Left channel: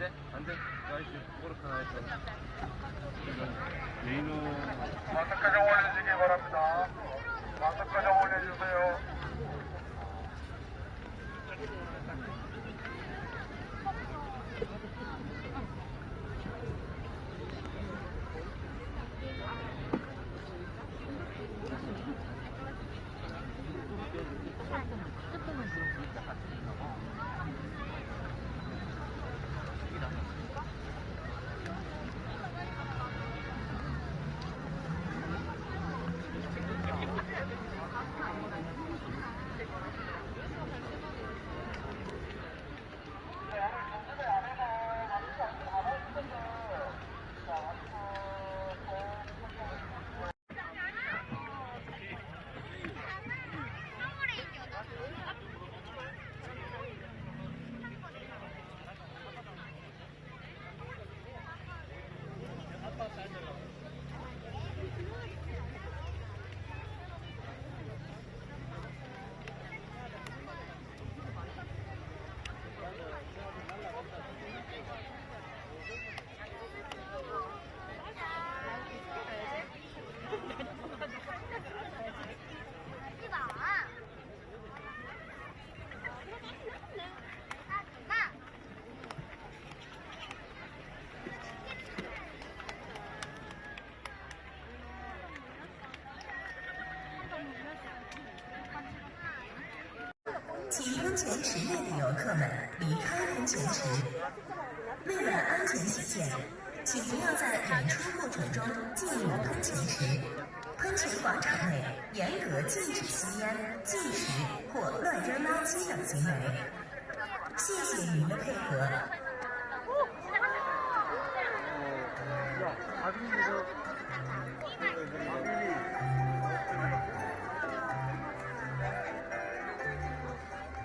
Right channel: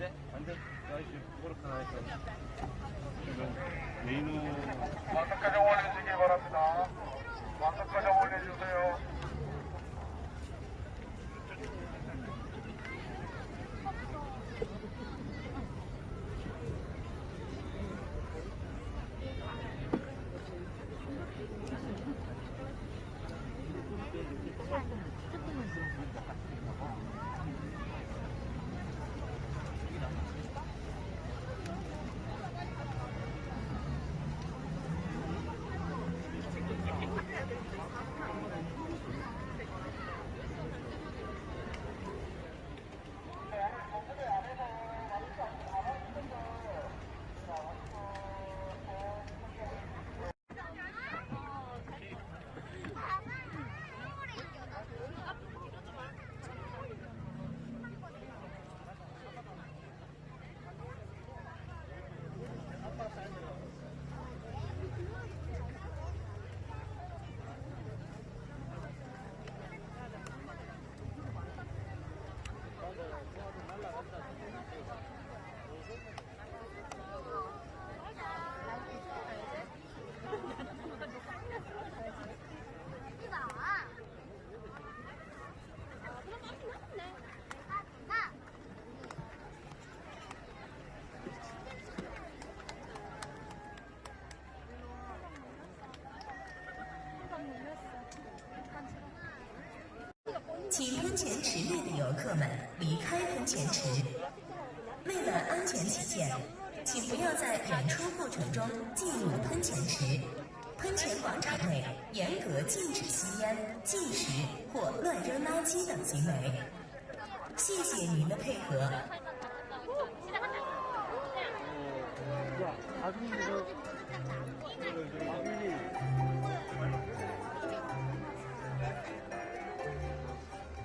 돼? 안 돼? 나이스. 그렇게 나이스. 지금 메인은 완성까지 올려주시기 바랍니다. 완성까지 올려주세요.请喷泉池内的游客们离开喷泉池。为了安全起见，请不要在演出过程中进入喷泉池。喷泉广场内严格禁止吸烟、进食或乱扔垃圾等行为。谢谢您的配合。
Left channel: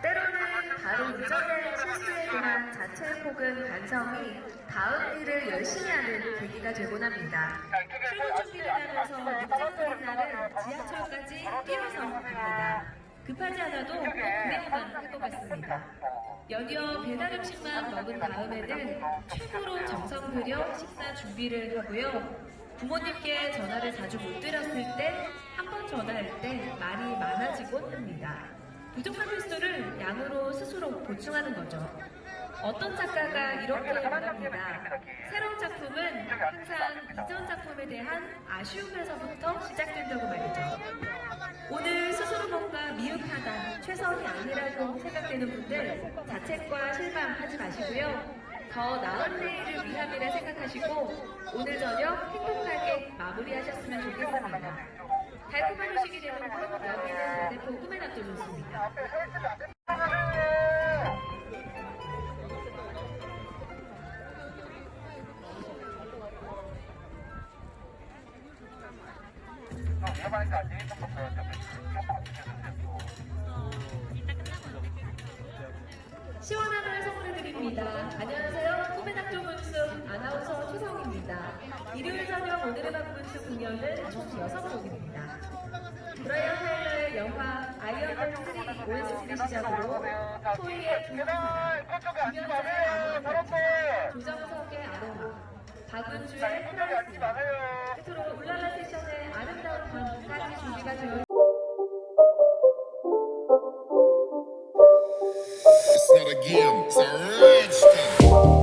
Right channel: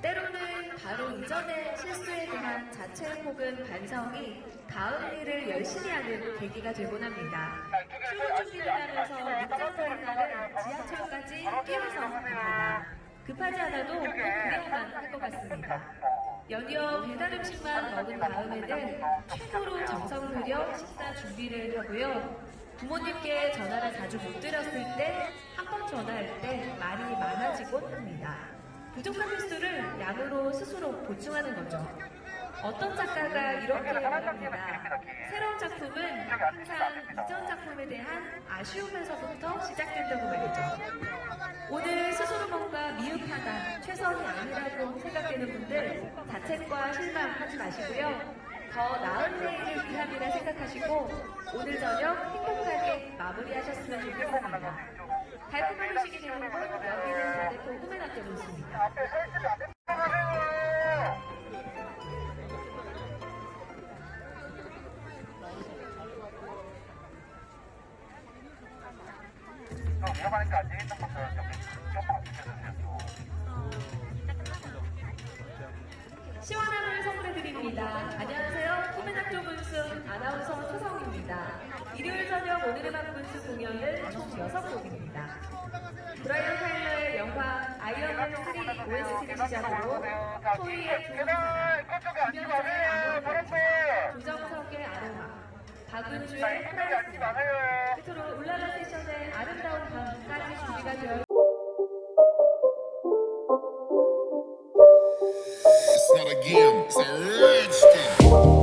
때로는 바로 이전의 실수에 대한 자책 혹은 반성이 다음 일을 열심히 하는 계기가 되곤 합니다. 출근 준비를 하면서 목적지를 향해 지하철까지 뛰어서 갑니다. 급하지 않아도 그래야만 할 것 같습니다. 연이어 배달 음식만 먹은 다음에는 최고로 정성 들여 식사 준비를 하고요. 부모님께 전화를 자주 못 드렸을 때, 한 번 전화할 때 말이 많아지곤 합니다. 부족한 횟수를 양으로 스스로 보충하는 거죠. 어떤 작가가 이렇게 말합니다. 새로운 작품은 항상 이전 작품에 대한 아쉬움에서부터 시작된다고 말이죠. 오늘 스스로 뭔가 미흡하다, 최선이 아니라고 생각되는 분들 자책과 실감하지 마시고요. 더 나은 내일을 위함이라 생각하시고 오늘 저녁 행복하게 마무리하셨으면 좋겠습니다. 달콤한 음식이 되는 곳 여기는 대대포 꿈의 낙조분수입니다. 시원한 을 선물해드립니다. 안녕하세요. 꿈의 낙조분수 아나운서 초성입니다. 일요일 저녁 오늘의 낙조분수 공연은 총 6곡입니다. 브라이언 타일러의 영화 아이언맨 3 OST를 시작으로 토이의 조성사, 김현정의 아나운서, 조정석의 아로마, 박은주의 프라이스, 끝으로 울랄라 세션의 아름다운 밤 사랑이 준비가 되어 It's not a game, it's a rich thing.